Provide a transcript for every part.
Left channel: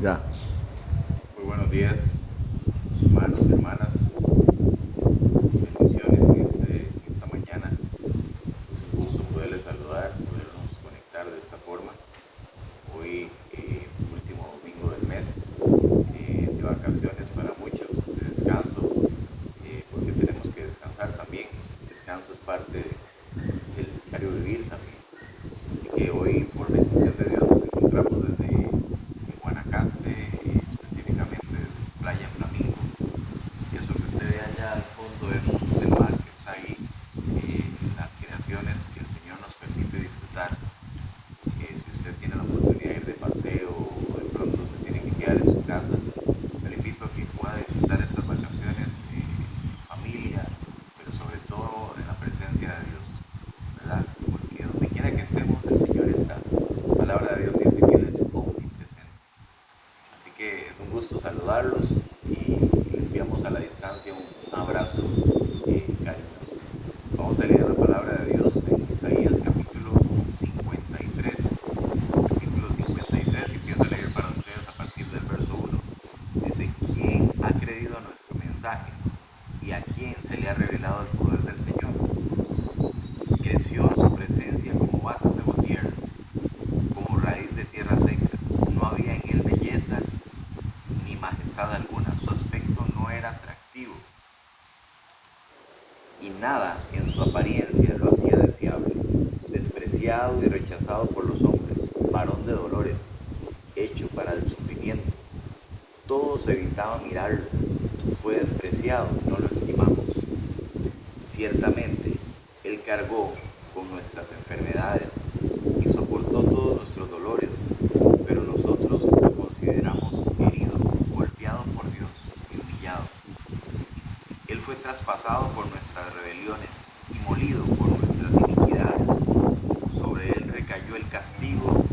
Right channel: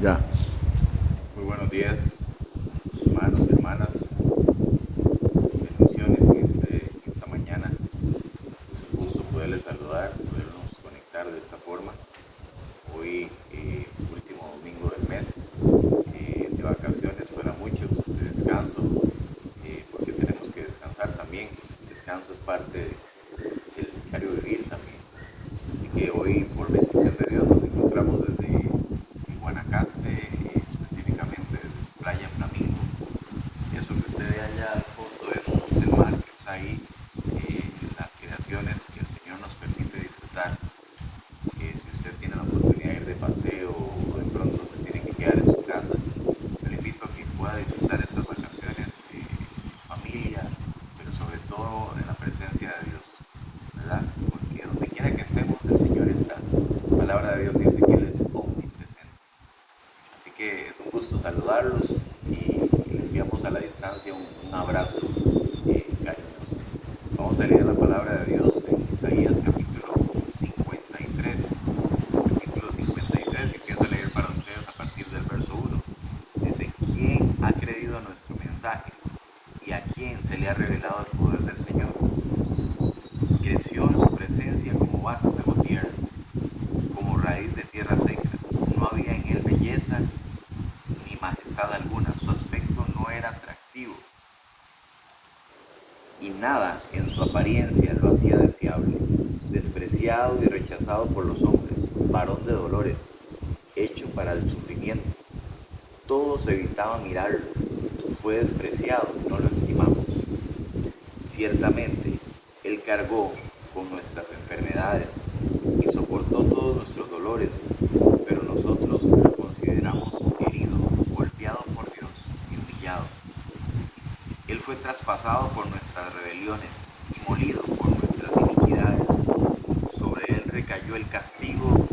Ya. Muy buenos días, hermanos y hermanas. Bendiciones en esta mañana. Es un gusto poderles saludar, podernos conectar de esta forma. Hoy, último domingo del mes, de vacaciones para muchos, de descanso, porque tenemos que descansar también. El descanso es parte del diario vivir también. Así que hoy, por bendición de Dios, nos encontramos desde Guanacaste, específicamente desde Playa Flamingo. Eso que usted ve allá al fondo es el mar que está ahí, las creaciones que el Señor nos permite disfrutar. Si usted tiene la oportunidad de ir de paseo o de pronto se tiene que quedar en su casa, yo le invito a que pueda disfrutar estas vacaciones en familia, pero sobre todo en la presencia de Dios, ¿verdad? Porque donde quiera que estemos, el Señor está. La palabra de Dios dice que Él es omnipresente. Así que es un gusto saludarlos y le enviamos a la distancia un abrazo cariñoso. Vamos a leer la palabra de Dios en Isaías capítulo 53. Capítulo 53 y empiezo a leer para ustedes a partir del verso 1. Dice: ¿Quién ha creído a nuestro mensaje? ¿Y a quién se le ha revelado el poder del Señor? Creció en su presencia como vástago tierra, como raíz de tierra seca. No había en él belleza ni majestad alguna. Su aspecto no era atractivo y nada en su apariencia lo hacía deseable. Despreciado y rechazado por los hombres, varón de dolores, hecho para el sufrimiento. Todos evitaban mirarlo. Fue despreciado y no lo estimamos. Ciertamente, Él cargó con nuestras enfermedades y soportó todos nuestros dolores, pero nosotros lo consideramos herido, golpeado por Dios y humillado. Él fue traspasado por nuestras rebeliones y molido por nuestras iniquidades. Sobre Él recayó el castigo,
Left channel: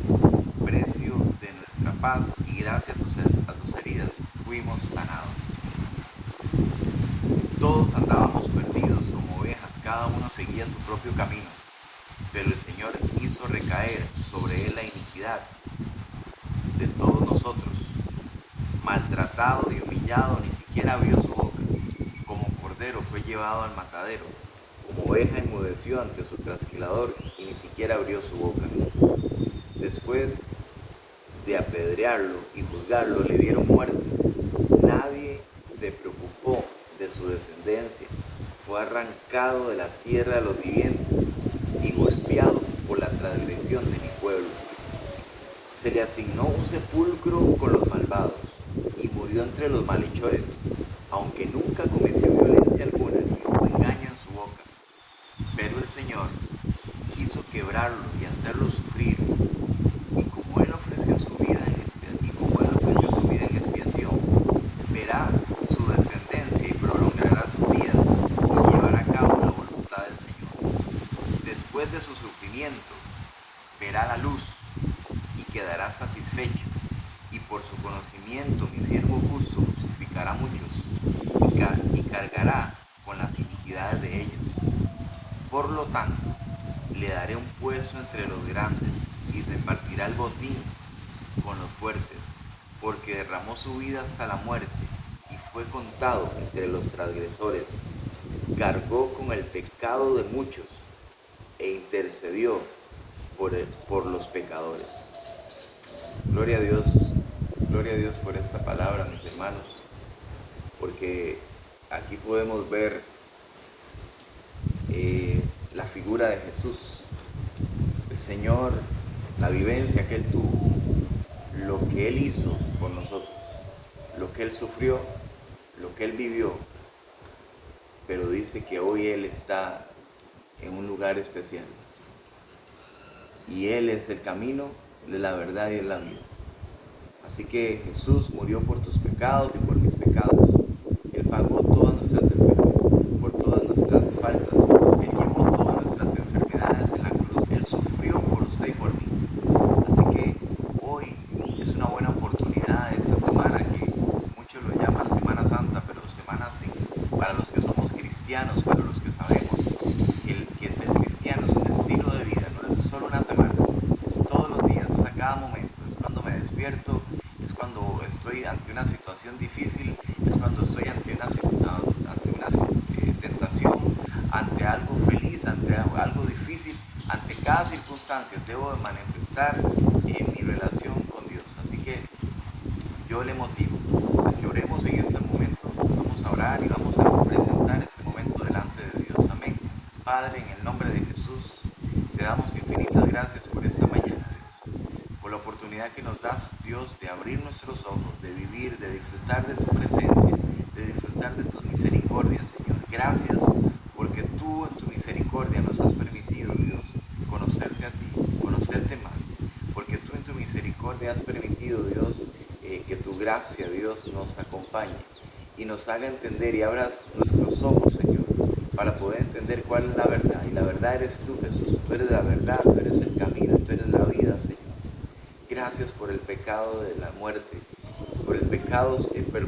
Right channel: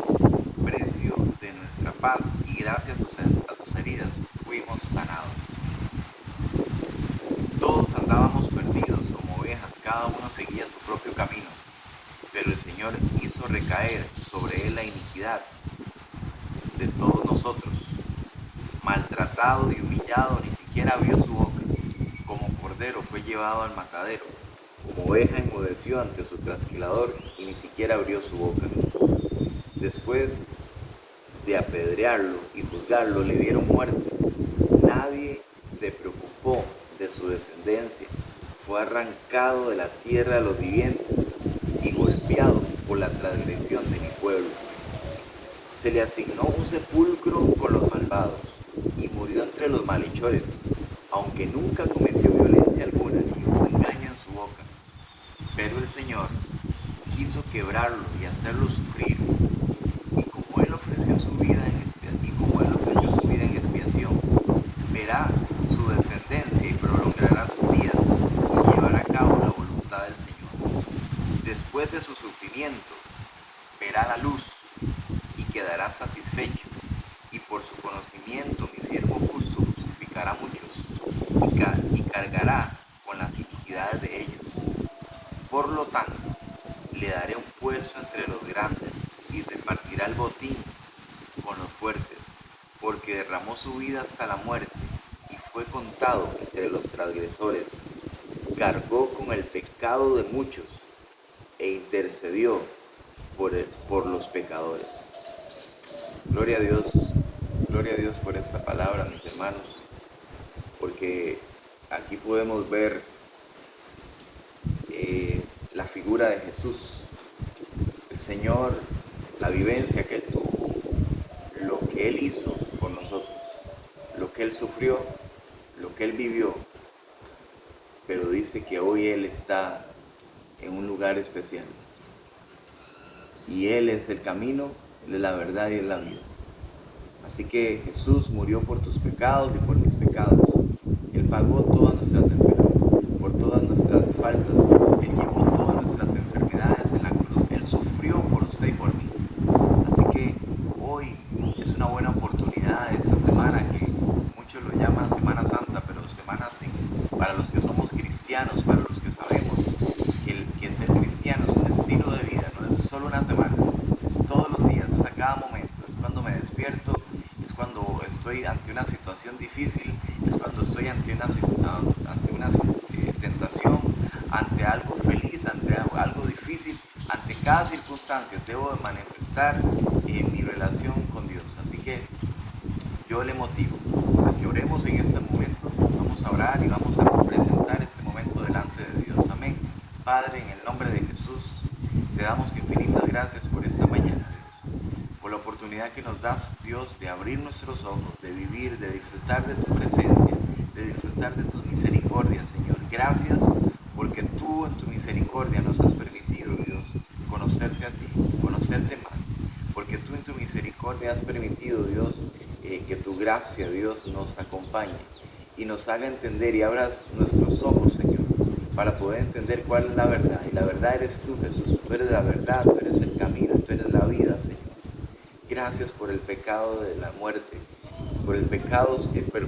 precio de nuestra paz, y gracias a sus heridas fuimos sanados. Todos andábamos perdidos como ovejas, cada uno seguía su propio camino, pero el Señor hizo recaer sobre él la iniquidad de todos nosotros. Maltratado y humillado, ni siquiera abrió su boca. Como cordero fue llevado al matadero, como oveja enmudeció ante su trasquilador y ni siquiera abrió su boca. Después de apedrearlo y juzgarlo, le dieron muerte. Nadie se preocupó de su descendencia. Fue arrancado de la tierra de los vivientes y golpeado por la transgresión de mi pueblo. Se le asignó un sepulcro con los malvados y murió entre los malhechores, aunque nunca cometió violencia alguna ni hubo engaño en su boca. Pero el Señor quiso quebrarlo y hacerlo sufrir, y como él ofreció su vida en expiación, verá su descendencia y prolongará sus días y llevará a cabo la voluntad del Señor. Después de su sufrimiento, verá la luz y quedará satisfecho, y por su conocimiento mi siervo justo justificará a muchos y cargará con las iniquidades de ellos. Por lo tanto, le daré un puesto entre los grandes y repartirá el botín con los fuertes, porque derramó su vida hasta la muerte y fue contado entre los transgresores. Cargó con el pecado de muchos e intercedió por los pecadores. Gloria a Dios por esta palabra, mis hermanos, porque aquí podemos ver la figura de Jesús, el Señor, la vivencia que Él tuvo, lo que Él hizo por nosotros, lo que Él sufrió, lo que Él vivió, pero dice que hoy Él está en un lugar especial. Y Él es el camino, Él es la verdad y es la vida. Así que Jesús murió por tus pecados y por mis pecados. Él pagó todas nuestras enfermedades, por todas nuestras faltas. Él llevó todas nuestras enfermedades en la cruz. Él sufrió por usted y por mí. Así que hoy es una buena oportunidad esta semana, que muchos lo llaman Semana Santa, pero para los que somos cristianos, para los que sabemos que ser cristiano es un estilo de vida, no es solo una semana, es todos los días, es a cada momento, es cuando me despierto, es cuando estoy ante una situación difícil, es cuando estoy ante una tentación, ante algo feliz, ante algo difícil, ante cada circunstancia debo de manifestar mi relación con Dios. Así que yo le motivo a que oremos en este momento, vamos a orar y vamos a presentar este momento delante de Dios. Amén. Padre, en el nombre de Jesús, te damos infinitas gracias por esta mañana, Dios, por la oportunidad que nos das, Dios, de abrir nuestros ojos, de vivir, de disfrutar de tu presencia, de disfrutar de tus misericordias, Señor. Gracias porque tú en tu misericordia nos has permitido, Dios, conocerte a ti, conocerte más, porque tú en tu misericordia has permitido, Dios, que tu gracia, Dios, nos acompañe y nos haga entender y abras nuestros ojos, Señor, para poder entender cuál es la verdad. Y la verdad eres tú, Jesús. Tú eres la verdad, tú eres el camino, tú eres la vida, Señor. Gracias por el pecado de la muerte, por el pecado,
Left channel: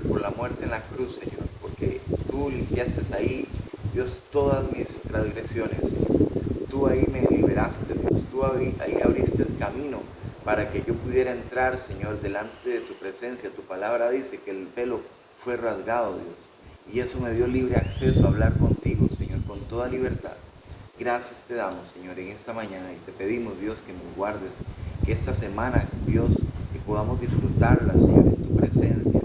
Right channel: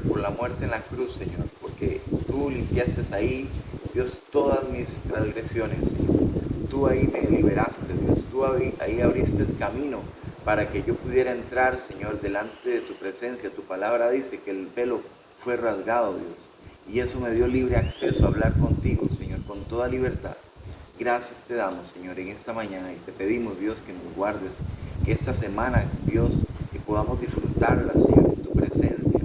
por la muerte en la cruz, Señor, porque tú limpiaste ahí, Dios, todas mis transgresiones, Señor. Tú ahí me liberaste, Dios. Tú ahí abriste camino para que yo pudiera entrar, Señor, delante de tu presencia. Tu palabra dice que el velo fue rasgado, Dios. Y eso me dio libre acceso a hablar contigo, Señor, con toda libertad. Gracias te damos, Señor, en esta mañana y te pedimos, Dios, que nos guardes, que esta semana, Dios, que podamos disfrutarla, Señor, en tu presencia,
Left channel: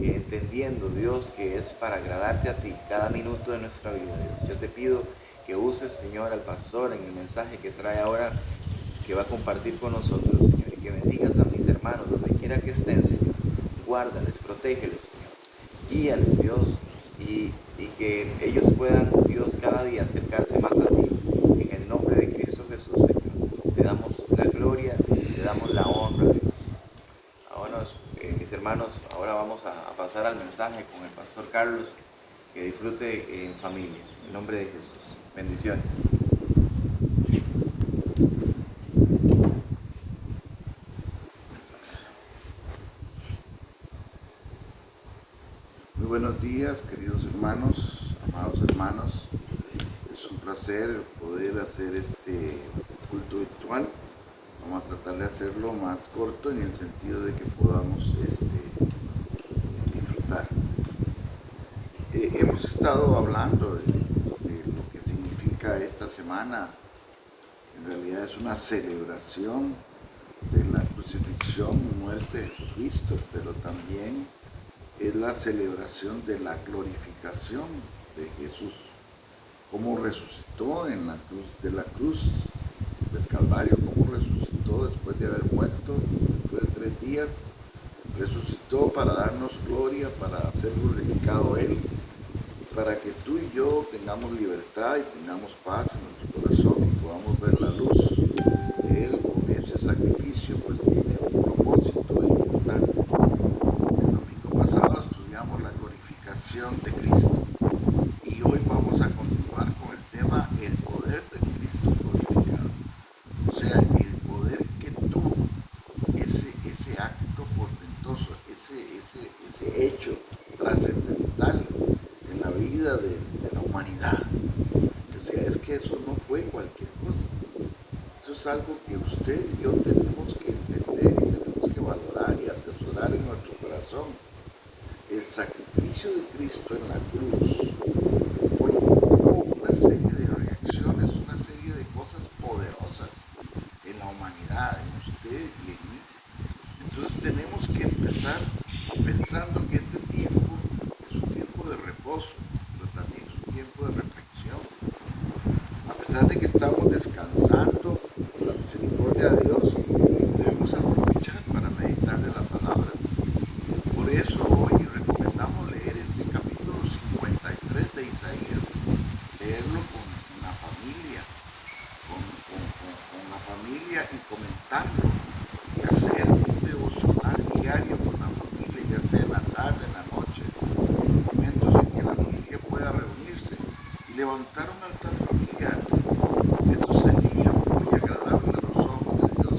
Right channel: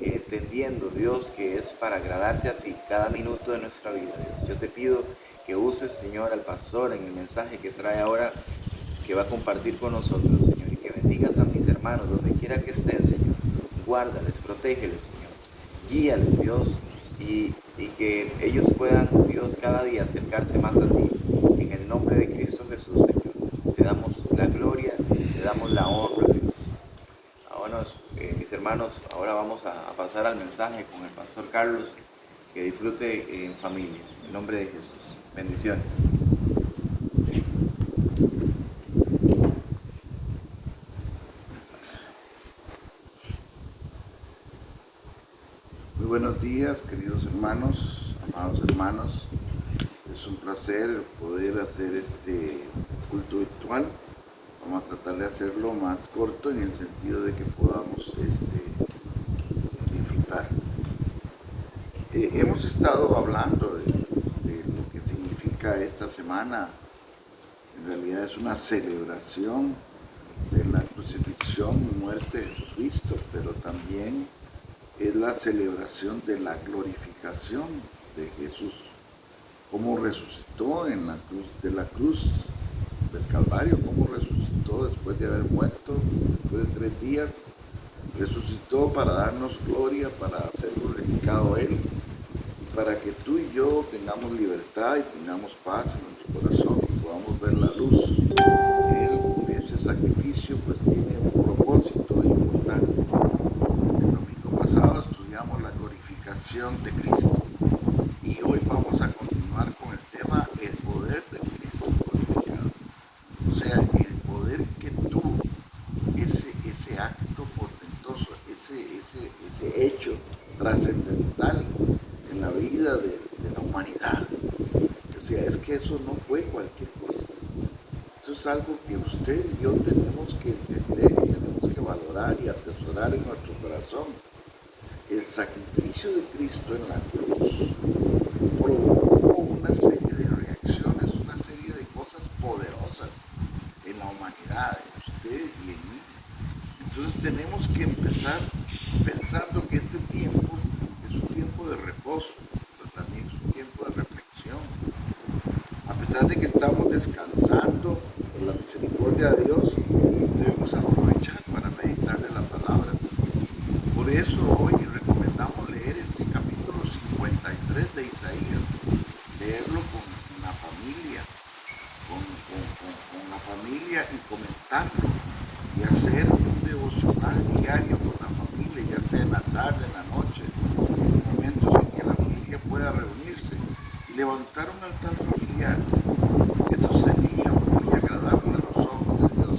entendiendo, Dios, que es para agradarte a ti cada minuto de nuestra vida, Dios. Yo te pido que uses, Señor, al pastor en el mensaje que trae ahora, que va a compartir con nosotros, Señor, y que bendigas a mis hermanos donde quiera que estén, Señor. Guárdales, protégeles, Señor. Guíales, Dios, y que ellos puedan, Dios, cada día acercarse más a ti. En el nombre de Cristo Jesús, Señor. Te damos la gloria, te damos la honra, Dios. Ahora, mis hermanos, ahora vamos a pasar al mensaje con el pastor Carlos. Que disfrute en familia. En el nombre de Jesús. Bendiciones. Muy buenos días, queridos hermanos, amados hermanos. Es un placer poder hacer este culto virtual. Vamos a tratar de hacerlo más corto en el sentido de que podamos disfrutar. Hemos estado hablando de lo que significa esta semana. En realidad es una celebración de la crucifixión y muerte de Jesucristo, pero también es la celebración de la glorificación de Jesús, cómo resucitó en la cruz del Calvario, cómo resucitó después de haber muerto, después de 3 días, resucitó para darnos gloria, para ser glorificado Él, y para que tú y yo tengamos libertad y tengamos paz en nuestro corazón y podamos ver la luz. Él, con ese sacrificio, pues tiene un propósito importante. Pasado estudiamos la glorificación de Cristo y hoy vamos a continuar con el tema el poder de Cristo glorificado. O sea, el poder que tuvo ese acto portentoso, ese hecho trascendental en la vida de la humanidad. O sea, es que eso no fue cualquier cosa. Eso es algo que usted y yo tenemos que entender y tenemos que valorar y atesorar en nuestro corazón. El sacrificio de Cristo en la cruz provocó una serie de reacciones, una serie de cosas poderosas en la humanidad, en usted y en mí. Entonces tenemos que empezar pensando que este tiempo es un tiempo de reposo, pero también es un tiempo de reflexión. A pesar de que estamos descansando por la misericordia de Dios, debemos aprovechar para meditar de la palabra. Por eso hoy recomendamos leer este capítulo 53 de Isaías, leerlo con la familia, con la familia y comentarlo y hacer un devocional diario con la familia, ya sea en la tarde, en la noche, en los momentos en que la familia pueda reunirse y levantar un altar familiar. Eso sería muy agradable a los ojos de Dios.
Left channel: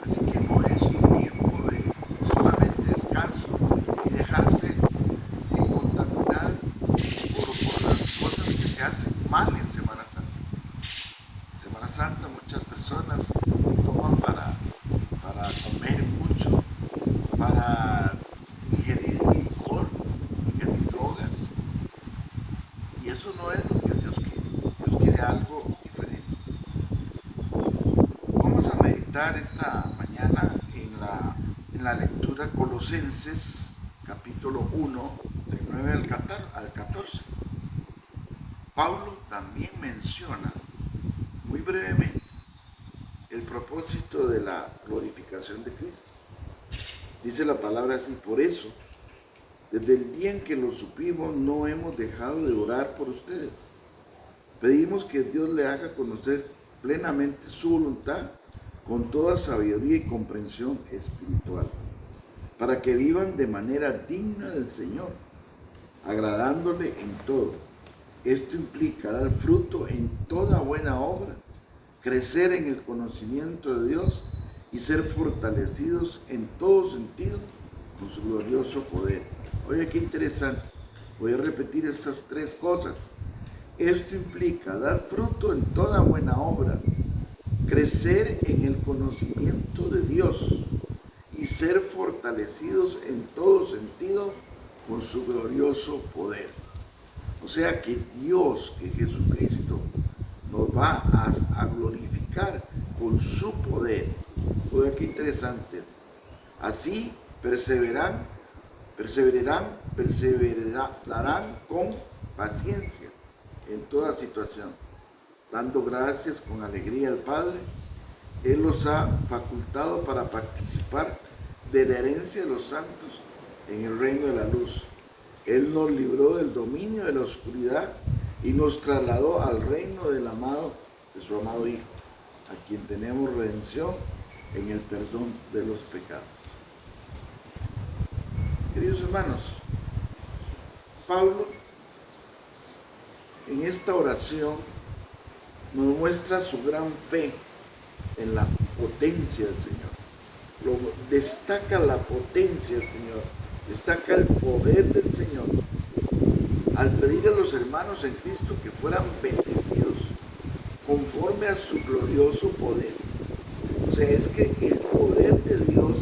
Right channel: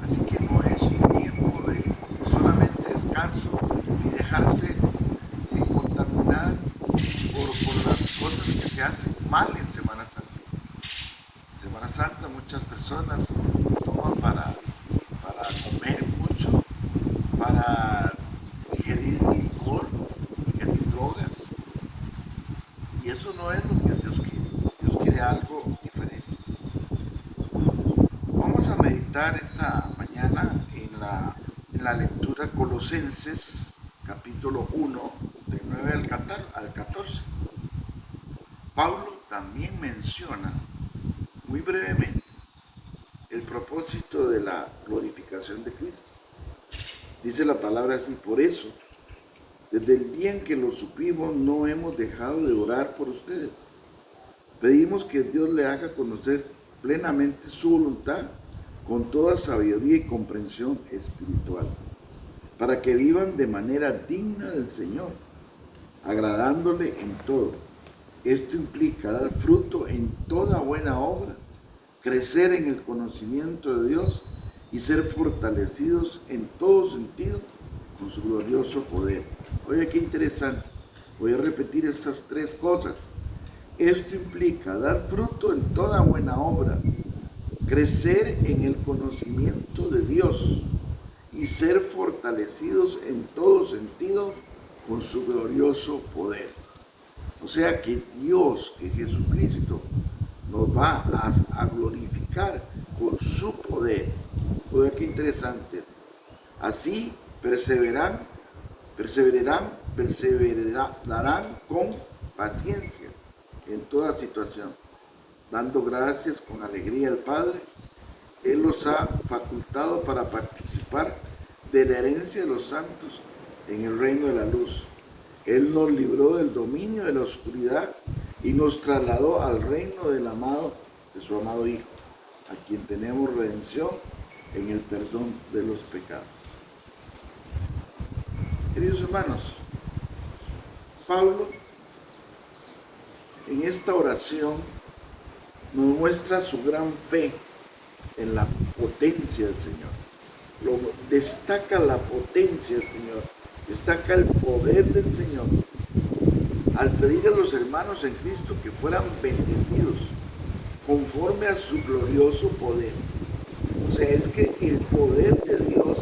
Así que no es un tiempo de solamente descanso y dejarse contaminar por las cosas que se hacen mal en Semana Santa. En Semana Santa muchas personas toman para comer mucho, para eso no es lo que Dios quiere. Dios quiere algo diferente. Vamos a meditar esta mañana en la lectura Colosenses, capítulo 1, del 9 al 14. Pablo también menciona muy brevemente el propósito de la glorificación de Cristo. Dice la palabra así: por eso, desde el día en que lo supimos, no hemos dejado de orar por ustedes. Pedimos que Dios le haga conocer plenamente su voluntad con toda sabiduría y comprensión espiritual, para que vivan de manera digna del Señor, agradándole en todo. Esto implica dar fruto en toda buena obra, crecer en el conocimiento de Dios y ser fortalecidos en todo sentido con su glorioso poder. Oye, qué interesante. Voy a repetir estas tres cosas. Esto implica dar fruto en toda buena obra, crecer en el conocimiento de Dios y ser fortalecidos en todo sentido con su glorioso poder. O sea que Dios, que Jesucristo, nos va a glorificar con su poder. Oye, qué interesante. Así perseverarán con paciencia en toda situación, dando gracias con alegría al Padre. Él los ha facultado para participar de la herencia de los santos en el reino de la luz. Él nos libró del dominio de la oscuridad y nos trasladó al reino de su amado Hijo, a quien tenemos redención en el perdón de los pecados. Queridos hermanos, Pablo en esta oración nos muestra su gran fe en la potencia del Señor. Destaca la potencia del Señor, destaca el poder del Señor, al pedir a los hermanos en Cristo que fueran bendecidos conforme a su glorioso poder. O sea, es que el poder de Dios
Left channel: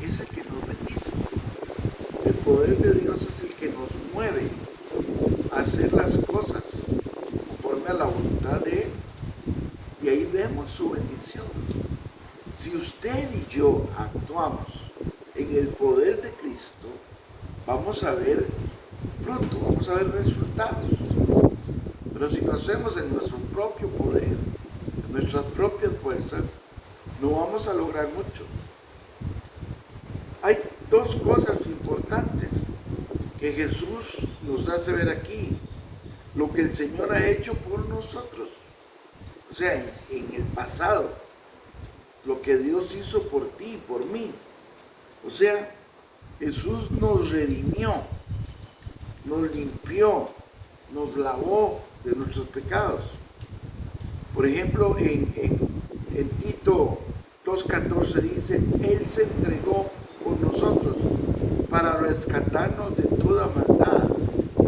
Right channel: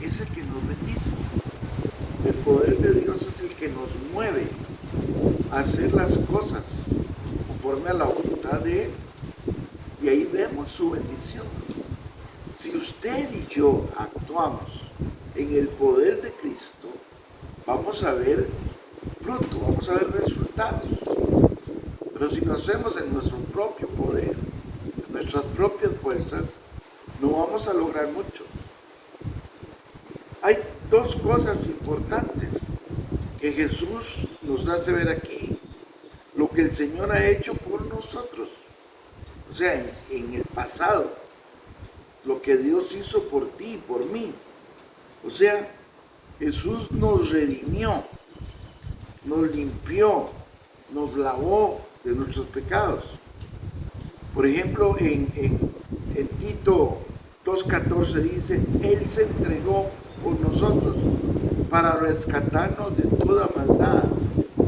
es el que nos bendice. El poder de Dios es el que nos mueve a hacer las cosas conforme a la voluntad de Él. Y ahí vemos su bendición. Si usted y yo actuamos en el poder de Cristo, vamos a ver fruto, vamos a ver resultados. Pero si lo hacemos en nuestro propio poder, en nuestras propias fuerzas, no vamos a lograr mucho. Hay dos cosas importantes que Jesús nos hace ver aquí. Lo que el Señor ha hecho por nosotros. O sea, en el pasado, lo que Dios hizo por ti y por mí. O sea, Jesús nos redimió, nos limpió, nos lavó de nuestros pecados. Por ejemplo, en Tito 2:14 dice: Él se entregó por nosotros para rescatarnos de toda maldad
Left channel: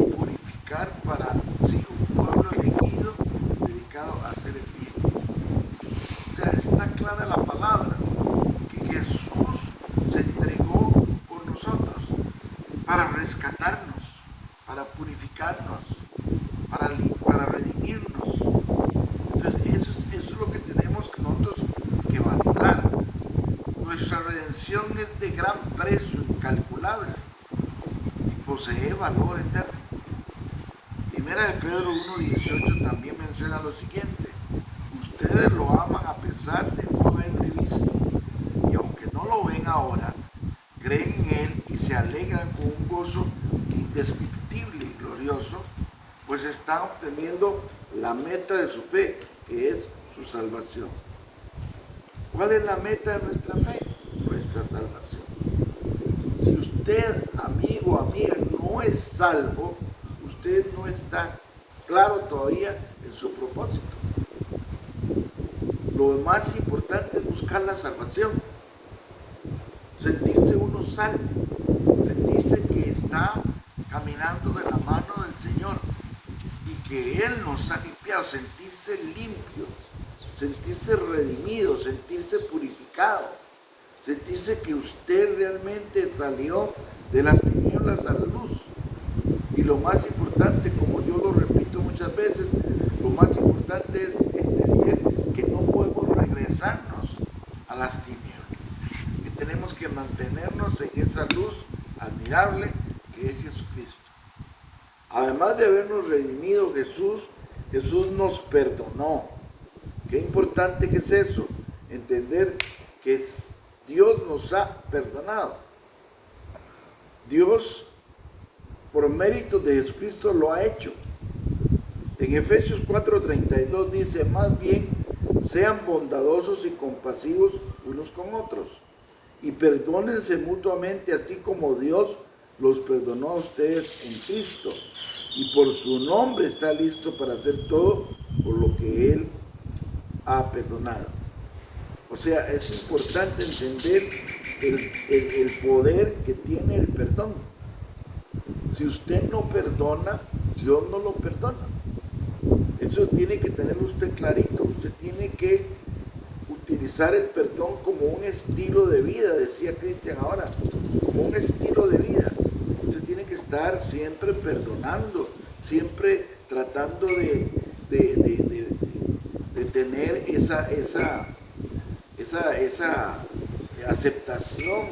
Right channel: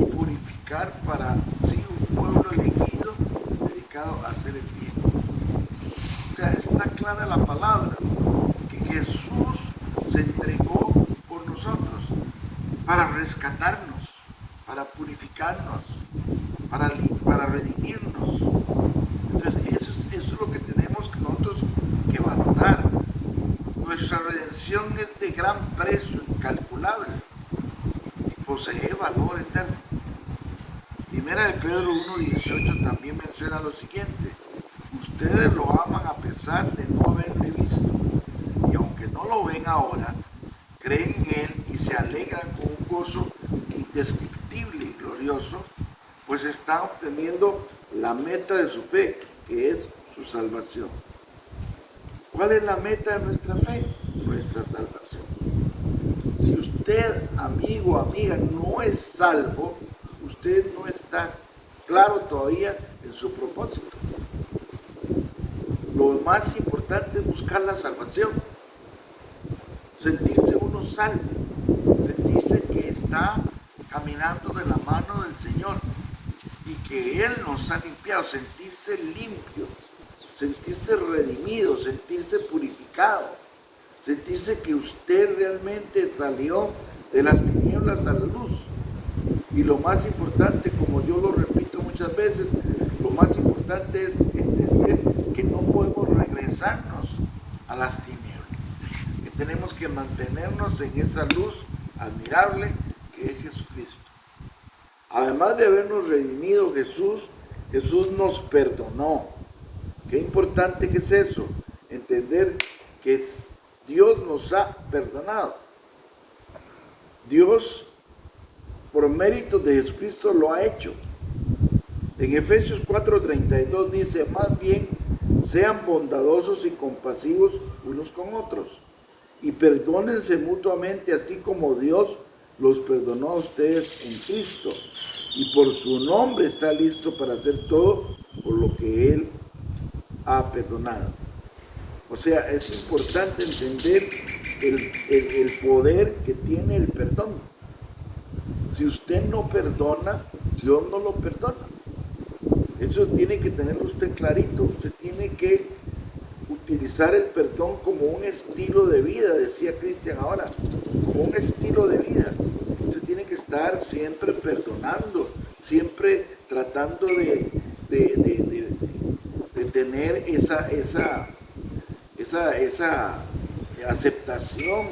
y purificar para sí un pueblo elegido dedicado a hacer el bien. O sea, está clara la palabra, que Jesús se entregó por nosotros para rescatarnos, para purificarnos, para redimirnos. Entonces eso es lo que tenemos nosotros que valorar. Nuestra redención es de gran precio, incalculable, y posee valor eterno. Primera de Pedro 1:18 también menciona lo siguiente: ustedes lo aman a pesar de no haberle visto, y aunque no lo ven ahora, creen en Él y se alegran con un gozo indescriptible y glorioso, pues están obteniendo la meta de su fe, que es su salvación. ¿Cuál es la meta de nuestra fe? Nuestra salvación. Si usted, amigo o amiga, no es salvo, usted no está claro todavía en su propósito. Lo más importante es buscar la salvación, sentirse uno salvo, sentirse que está caminando de la mano del Señor y que Él nos ha limpiado, sentirse limpio, sentirse redimido, sentirse purificado, sentirse que usted realmente salió de las tinieblas a la luz. Y lo más importante, como yo lo repito muchas veces, lo más importante es entender que no podemos regresarnos a las tinieblas, que tenemos que mantenernos en esa luz admirable que es Jesucristo. Además de habernos redimido Jesús nos perdonó. Qué importante que es eso, entender que Dios nos ha perdonado. Dios, por mérito de Jesucristo, lo ha hecho. En Efesios 4:32 dice, más bien, sean bondadosos y compasivos unos con otros, y perdónense mutuamente, así como Dios los perdonó a ustedes en Cristo, y por su nombre está listo para hacer todo por lo que Él ha perdonado. O sea, es importante entender el poder que tiene el perdón. Si usted no perdona, Dios no lo perdona. Eso tiene que tenerlo usted clarito. Usted tiene que utilizar el perdón como un estilo de vida, decía Cristian ahora, como un estilo de vida. Usted tiene que estar siempre perdonando, siempre tratando de tener esa aceptación,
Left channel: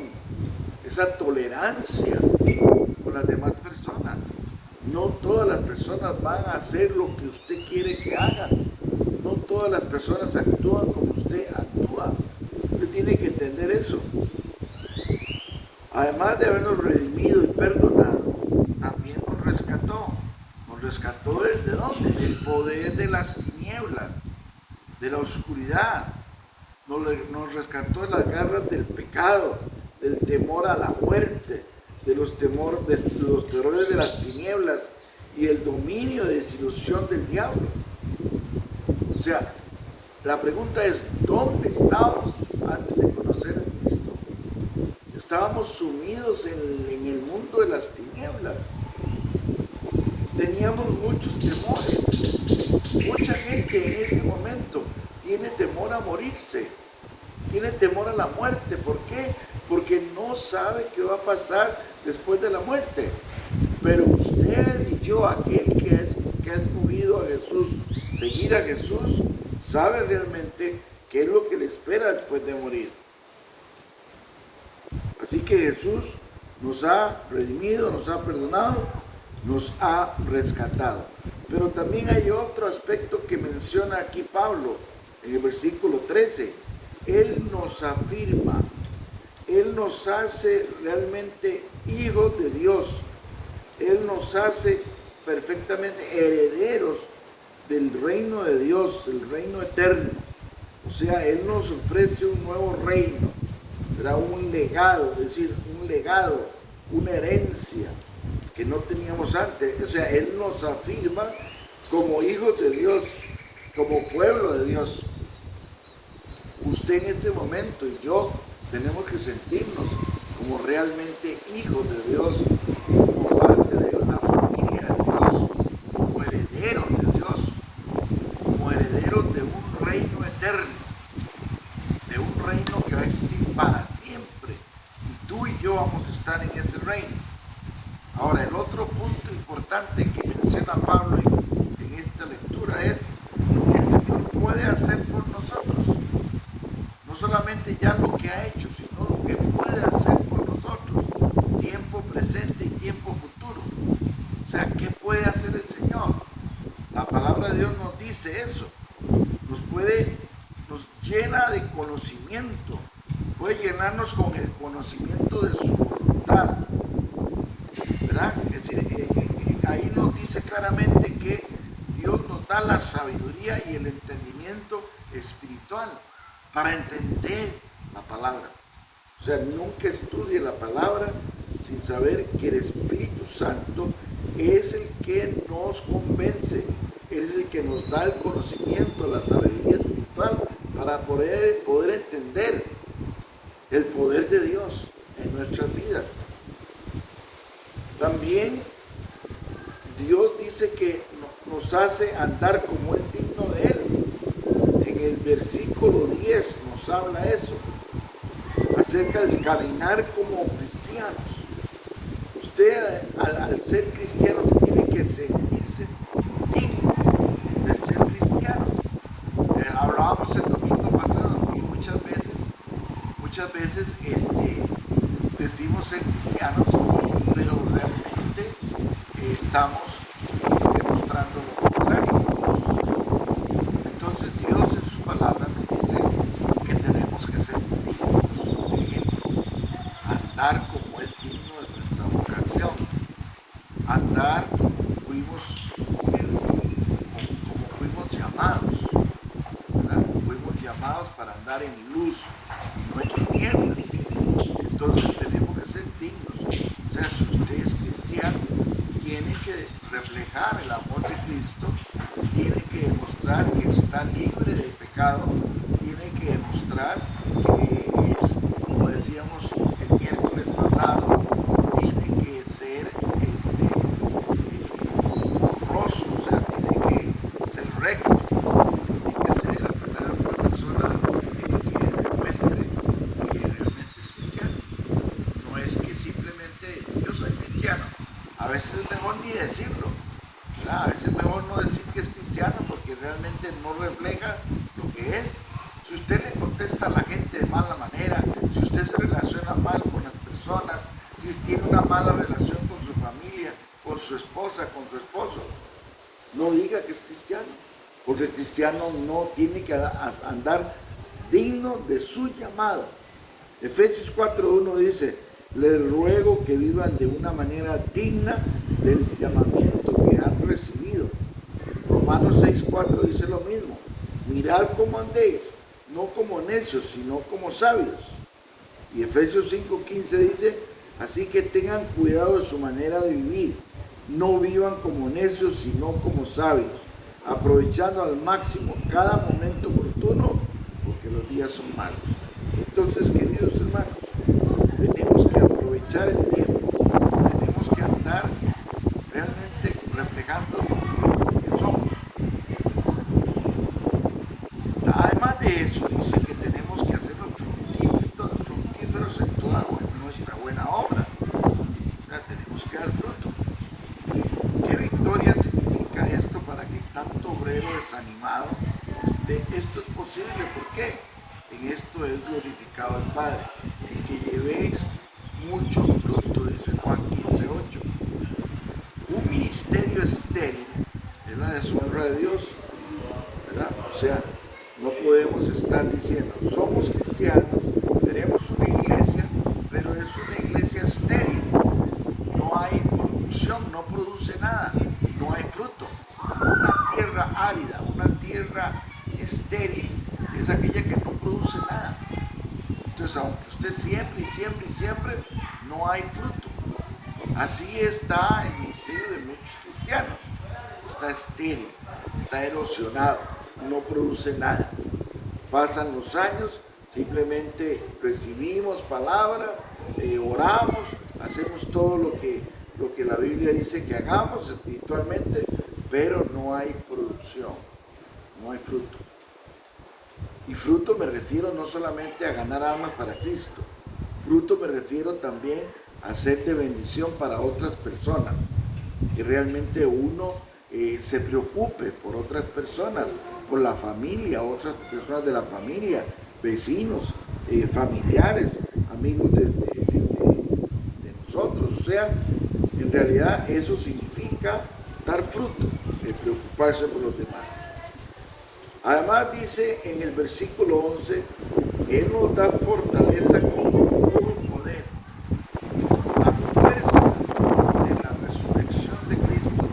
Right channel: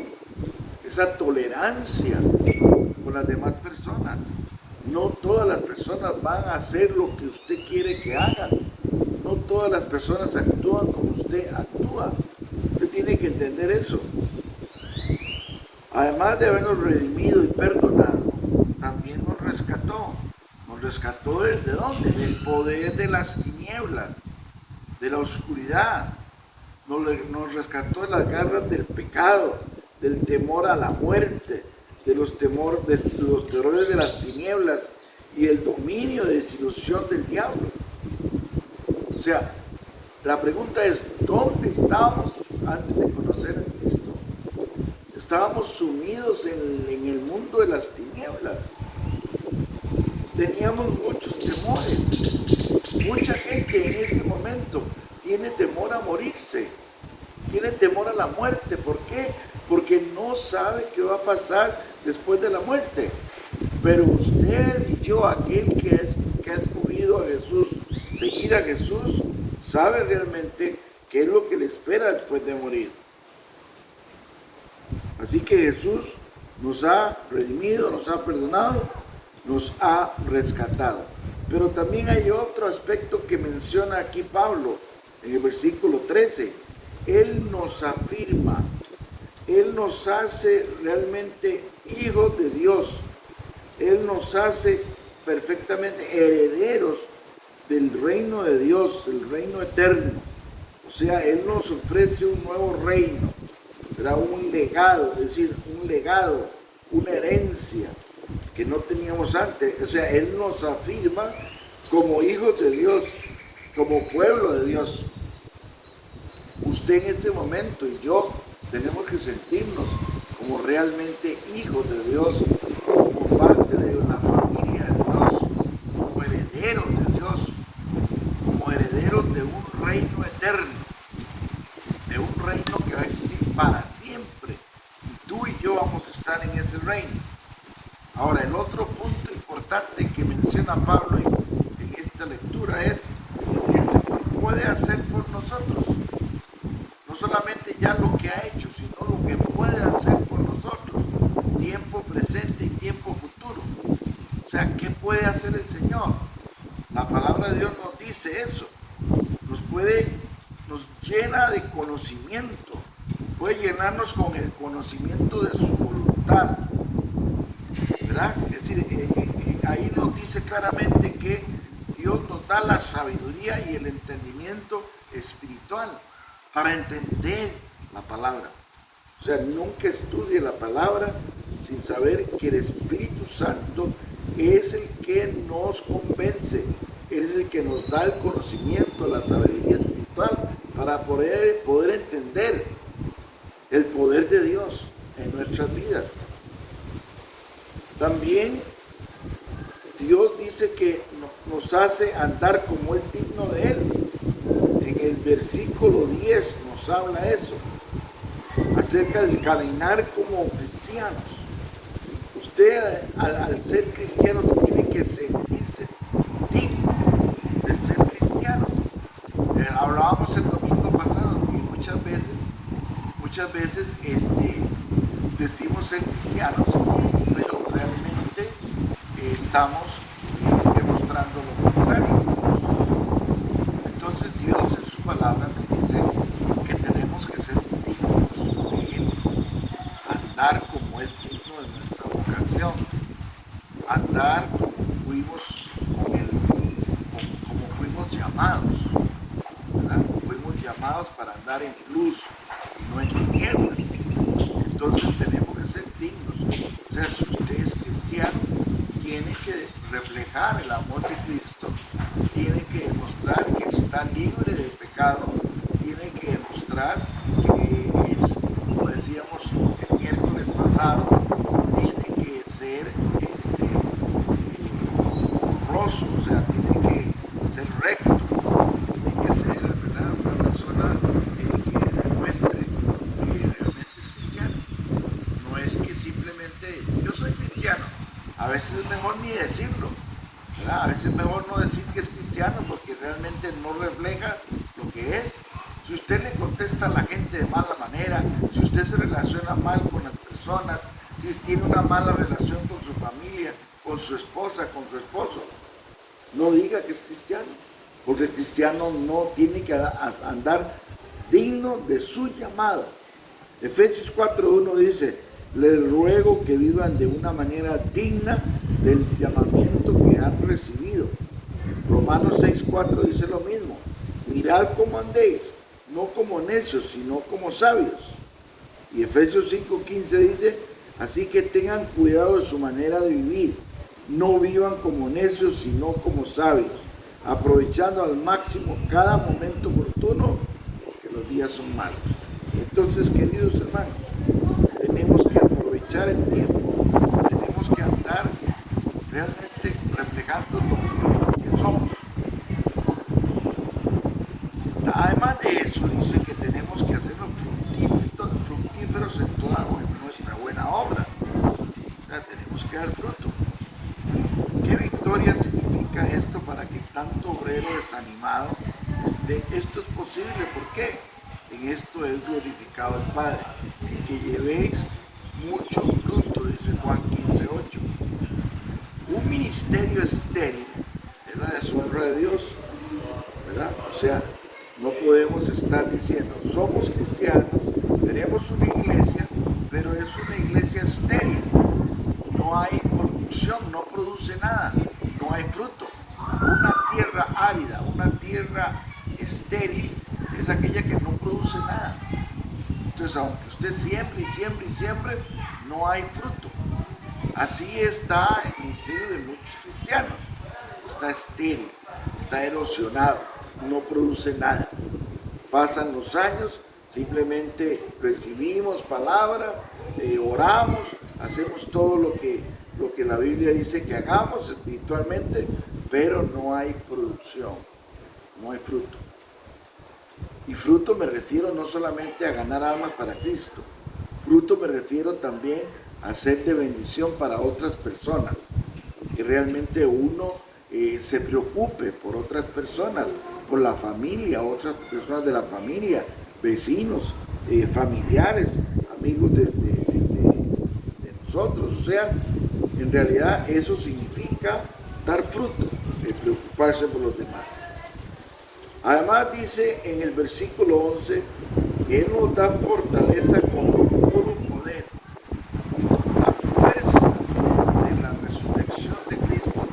esa tolerancia con las demás personas. No todas las personas van a hacer lo que usted quiere que hagan. No todas las personas actúan como usted actúa. Usted tiene que entender eso. Además de habernos redimido y perdonado, también nos rescató. Nos rescató ¿de dónde? Del poder de las tinieblas, de la oscuridad. Nos rescató de las garras del pecado, del temor a la muerte, de los terrores de las tinieblas y el dominio de desilusión del diablo. O sea, la pregunta es, ¿dónde estábamos antes de conocer a Cristo? Estábamos sumidos en el mundo de las tinieblas. Teníamos muchos temores. Mucha gente en este momento tiene temor a morirse, tiene temor a la muerte. ¿Por qué? Porque no sabe qué va a pasar después de la muerte. Pero usted y yo, aquel que ha escogido a Jesús, seguir a Jesús, sabe realmente qué es lo que le espera después de morir. Así que Jesús nos ha redimido, nos ha perdonado, nos ha rescatado. Pero también hay otro aspecto que menciona aquí Pablo en el versículo 13. Él nos afirma, Él nos hace realmente hijos de Dios. Él nos hace perfectamente herederos del reino de Dios, el reino eterno. O sea, Él nos ofrece un nuevo reino, ¿verdad? Un legado, es decir, un legado, una herencia que no teníamos antes. O sea, Él nos afirma como hijos de Dios, como pueblo de Dios. Usted en este momento y yo tenemos que sentirnos como realmente hijos de Dios, como parte de la familia de Dios, como herederos de Dios, como herederos de un reino eterno, de un reino que va a existir para siempre. Y tú y yo vamos a estar en ese reino. Ahora, el otro punto importante que menciona Pablo en esta lectura es lo que el Señor puede hacer por nosotros. No solamente ya lo que ha hecho, sino lo que puede hacer por nosotros, tiempo presente y tiempo futuro. O sea, ¿qué puede hacer el Señor? La palabra de Dios nos dice eso. Nos llena de conocimiento, puede llenarnos con el conocimiento de su voluntad, ¿verdad? Es decir, ahí nos dice claramente que Dios nos da la sabiduría y el entendimiento espiritual para entender la palabra. O sea, nunca estudie la palabra sin saber que el Espíritu Santo es el que nos convence, es el que nos da el conocimiento, la sabiduría espiritual para poder entender el poder de Dios en nuestras vidas. También Dios dice que nos hace andar como es digno de Él. En el versículo 10 nos habla eso, acerca del caminar como cristianos. Usted al ser cristiano tiene que sentirse digno. hablábamos el domingo pasado y muchas veces decimos ser cristianos, pero realmente estamos demostrando lo contrario. Entonces Dios en su palabra nos dice que tenemos que ser dignos de ejemplo, andar como es digno de nuestra vocación, andar como fuimos llamados, ¿verdad? Fuimos llamados para andar en luz y no en tinieblas. Entonces tenemos que ser dignos. O sea, si usted es cristiano, tiene que reflejar el amor de Cristo, tiene que demostrar que está libre del pecado, tiene que demostrar que es, como decíamos el miércoles pasado, tiene que ser honroso, o sea, tiene que ser recto, tiene que ser, ¿verdad?, una persona que demuestre que realmente es cristiano. No es que simplemente yo soy cristiano, a veces es mejor ni decirlo, ¿verdad? A veces es mejor no decir que es cristiano porque realmente no refleja lo que es. Si usted le contesta a la gente de mala manera, si usted se relaciona mal con las personas, si tiene una mala relación con su familia, con su esposa, con su esposo, no diga que es cristiano, porque el cristiano no tiene que andar digno de su llamado. Efesios 4:1 dice: les ruego que vivan de una manera digna del llamamiento que han recibido. Romanos 6:4 dice lo mismo: mirad cómo andéis, no como necios, sino como sabios. Y Efesios 5:15 dice: así que tengan cuidado de su manera de vivir, no vivan como necios, sino como sabios, aprovechando al máximo cada momento oportuno, porque los días son malos. Entonces, queridos hermanos, tenemos que aprovechar el tiempo, tenemos que andar realmente reflejando lo que somos. Además de eso, dice que tenemos que hacernos fructíferos en toda nuestra buena obra. O sea, tenemos que dar fruto. ¿Qué victoria significa esto para que tanto obrero desanimado esté? Esto es posible, ¿por qué? En esto es glorificado el Padre, en que llevéis mucho fruto, dice Juan 15:8. Un ministerio estéril es la deshonra de Dios, ¿verdad? O sea, no podemos estar diciendo, somos cristianos, tenemos una iglesia, pero es una iglesia estéril. No hay producción, no produce nada, no hay fruto. Una tierra árida, una tierra estéril, es aquella que no produce nada. Entonces, aunque usted siempre y siempre y siempre, no hay fruto. Así está el ministerio de muchos cristianos. Está estéril, está erosionado, no produce nada. Pasan los años, simplemente recibimos palabra, oramos, hacemos todo lo que la Biblia dice que hagamos espiritualmente, pero no hay producción, no hay fruto. Y fruto me refiero no solamente a ganar almas para Cristo, fruto me refiero también a ser de bendición para otras personas, que realmente uno se preocupe por otras personas, por la familia, otras personas de la familia, vecinos, familiares, amigos de nosotros. O sea, en realidad eso significa dar fruto, preocuparse por los demás. Además dice en el versículo 11 que Él nos da fortaleza con todo poder. La fuerza de la resurrección de Cristo,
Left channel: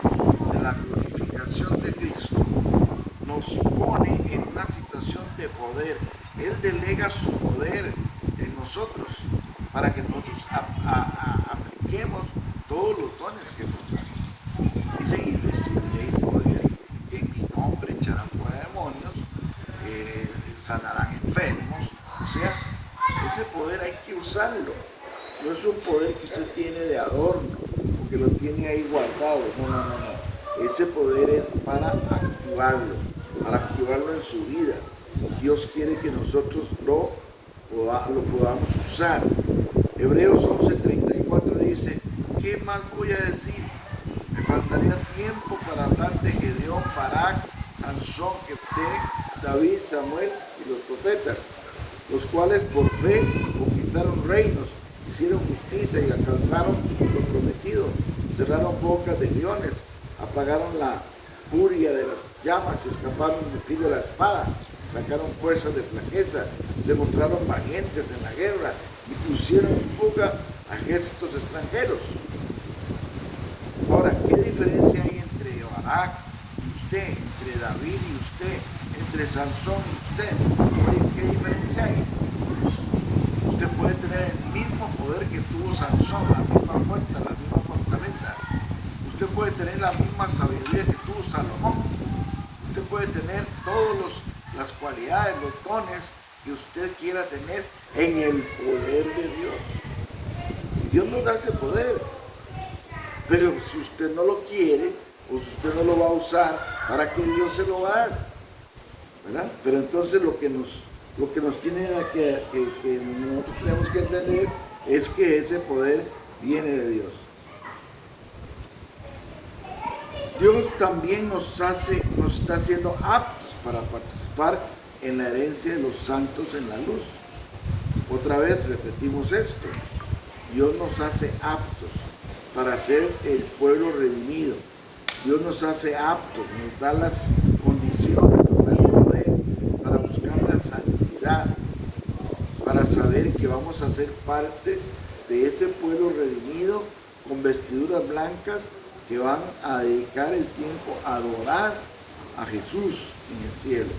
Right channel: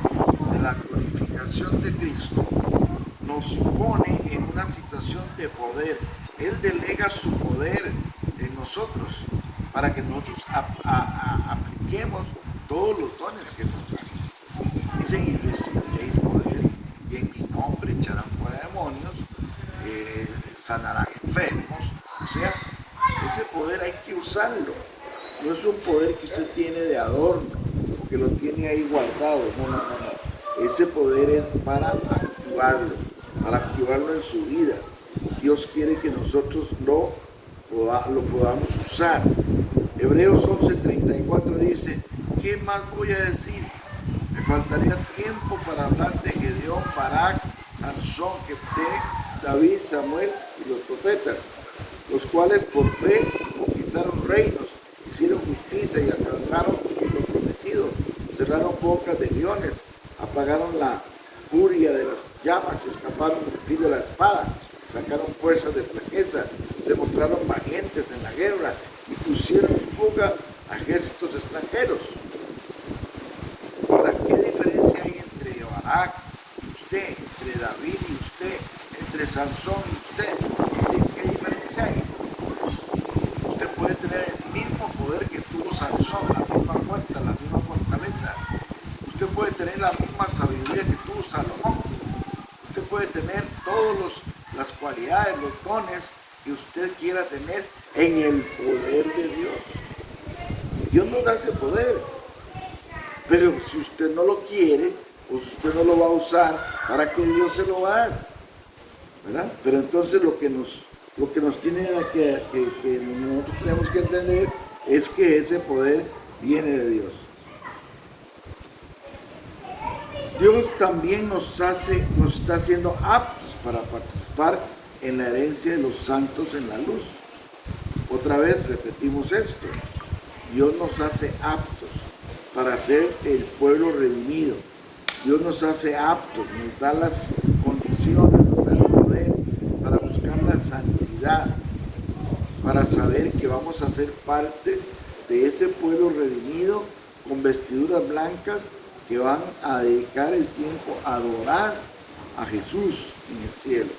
de la glorificación de Cristo, nos pone en una situación de poder. Él delega su poder en nosotros para que nosotros apliquemos todos los dones que nos dan. Dice: y recibiréis poder, y en mi nombre echarán fuera demonios, sanarán enfermos. O sea, ese poder hay que usarlo. No es un poder que usted tiene de adorno, o que lo tiene ahí guardado. No. Ese poder es para activarlo en su vida. Dios quiere que nosotros lo podamos usar. Hebreos 11:34 dice: ¿qué más voy a decir? Me faltaría tiempo para hablar de Gedeón, Barak, Sansón, Jefté, David, Samuel y los profetas, los cuales por fe conquistaron reinos, hicieron justicia y alcanzaron lo prometido, cerraron bocas de leones, apagaron la furia de las llamas, escaparon del filo de la espada, sacaron fuerzas de flaqueza, se mostraron valientes en la guerra y pusieron en fuga a ejércitos extranjeros. Ahora, ¿qué diferencia hay entre Barak y usted, entre David y usted, entre Sansón y usted? ¿Qué diferencia hay? Usted puede tener el mismo poder que tuvo Sansón, la misma fuerza, la misma fortaleza. Usted puede tener la misma sabiduría que tuvo Salomón. Usted puede tener todas las cualidades, los dones que usted quiera tener en el poder de Dios. Dios nos da ese poder. Pero si usted no lo quiere, o si usted no lo va a usar, ¿para qué Dios se lo va a dar? ¿Verdad? Pero entonces lo que nos tiene que nosotros tenemos que entender es que ese poder viene de Dios. Dios también nos está haciendo aptos para participar en la herencia de los santos en la luz. Otra vez repetimos esto. Dios nos hace aptos para ser el pueblo redimido. Dios nos hace aptos, nos da las condiciones, nos da el poder para buscar la santidad, para saber que vamos a ser parte de ese pueblo redimido con vestiduras blancas que van a dedicar el tiempo a adorar a Jesús en el cielo.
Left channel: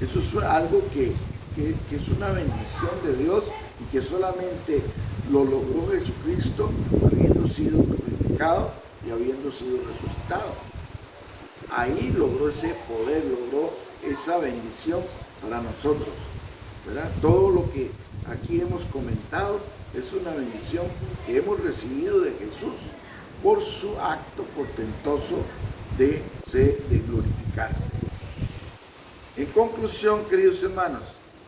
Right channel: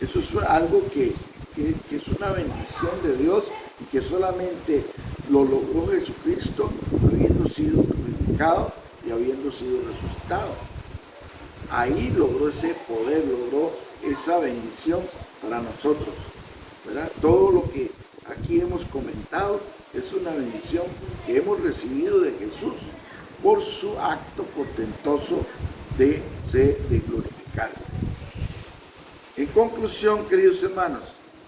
Eso es algo que es una bendición de Dios y que solamente lo logró Jesucristo habiendo sido crucificado y habiendo sido resucitado. Ahí logró ese poder, logró esa bendición para nosotros, ¿verdad? Todo lo que aquí hemos comentado es una bendición que hemos recibido de Jesús por su acto portentoso de glorificarse. En conclusión, queridos hermanos,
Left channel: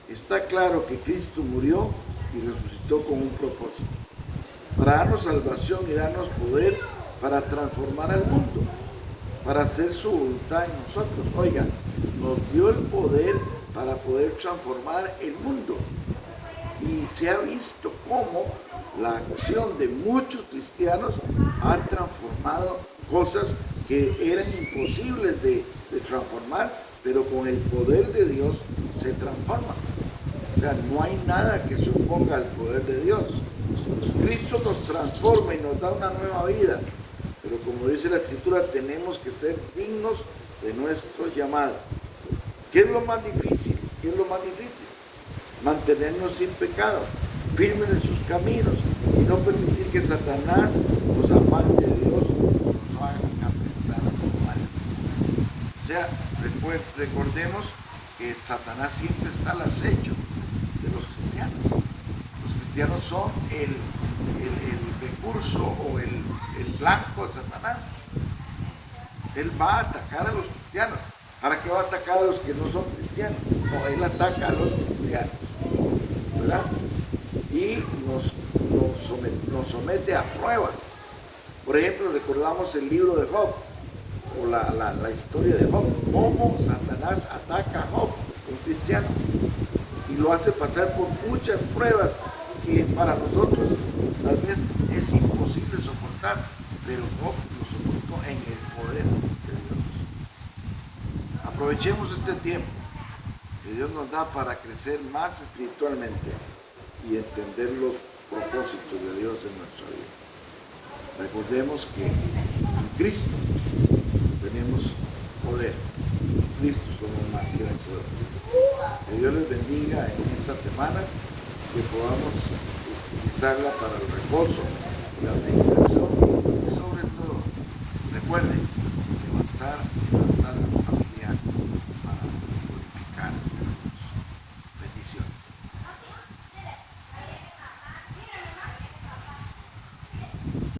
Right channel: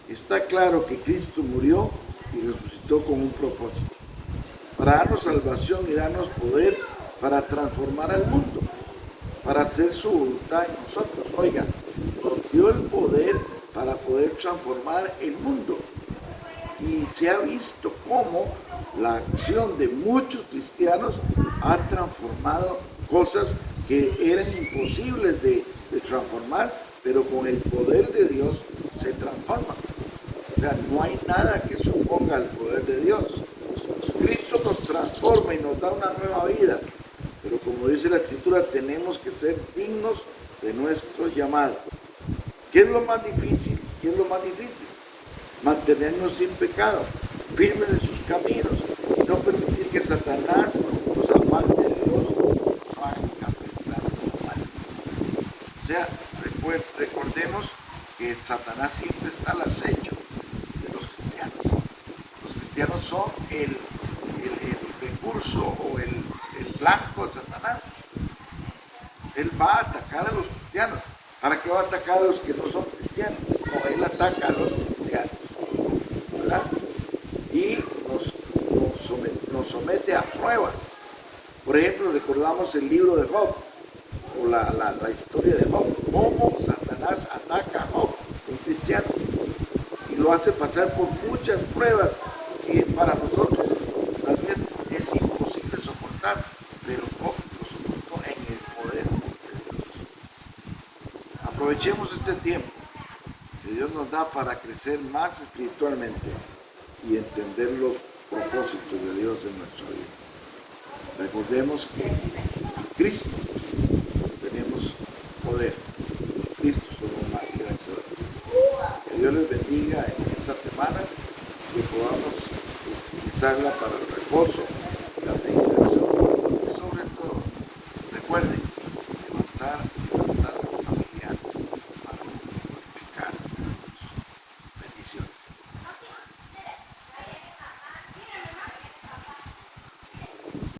está claro que Cristo murió y resucitó con un propósito, para darnos salvación y darnos poder para transformar al mundo, para hacer su voluntad en nosotros. Oigan, nos dio el poder para poder transformar el mundo. Y se ha visto cómo la acción de muchos cristianos ha transformado cosas que eran imposibles de transformar, pero con el poder de Dios se transforman. O sea, no hay nada que se oponga al poder de Dios. Cristo nos transforma y nos da una nueva vida, pero como dice la Escritura, tenemos que ser dignos de nuestro llamado. ¿Qué es lo más difícil? ¿Qué es lo más difícil? Mantenernos sin pecado, firmes en sus caminos y no permitir que Satanás nos aparte de Dios, nos haga pensar mal. O sea, recordemos que Satanás siempre está al acecho de los cristianos. Los cristianos son el recurso o el blanco de Satanás. Él va a atacar a los cristianos. ¿Para qué va a atacar a los que no son cristianos? No, él ataca a los cristianos, ¿verdad? Y nos somete a pruebas. Por ejemplo, recordamos el libro de Job, o la historia de Job, cómo Satanás ataca a Job, un cristiano, y lo hace pasar por muchas pruebas que para nosotros tal vez es imposible soportar, pero Job lo soportó en el poder de Dios. Aprovechemos este tiempo que Dios nos da para crecer más espiritualmente y entender los propósitos de Dios en nuestra vida. Recordemos que en Cristo tenemos poder. En Cristo somos más que vencedores. Que Dios les bendiga en esta semana, que podamos utilizarla para el reposo, la meditación y sobre todo, recuerden, levantar nuestra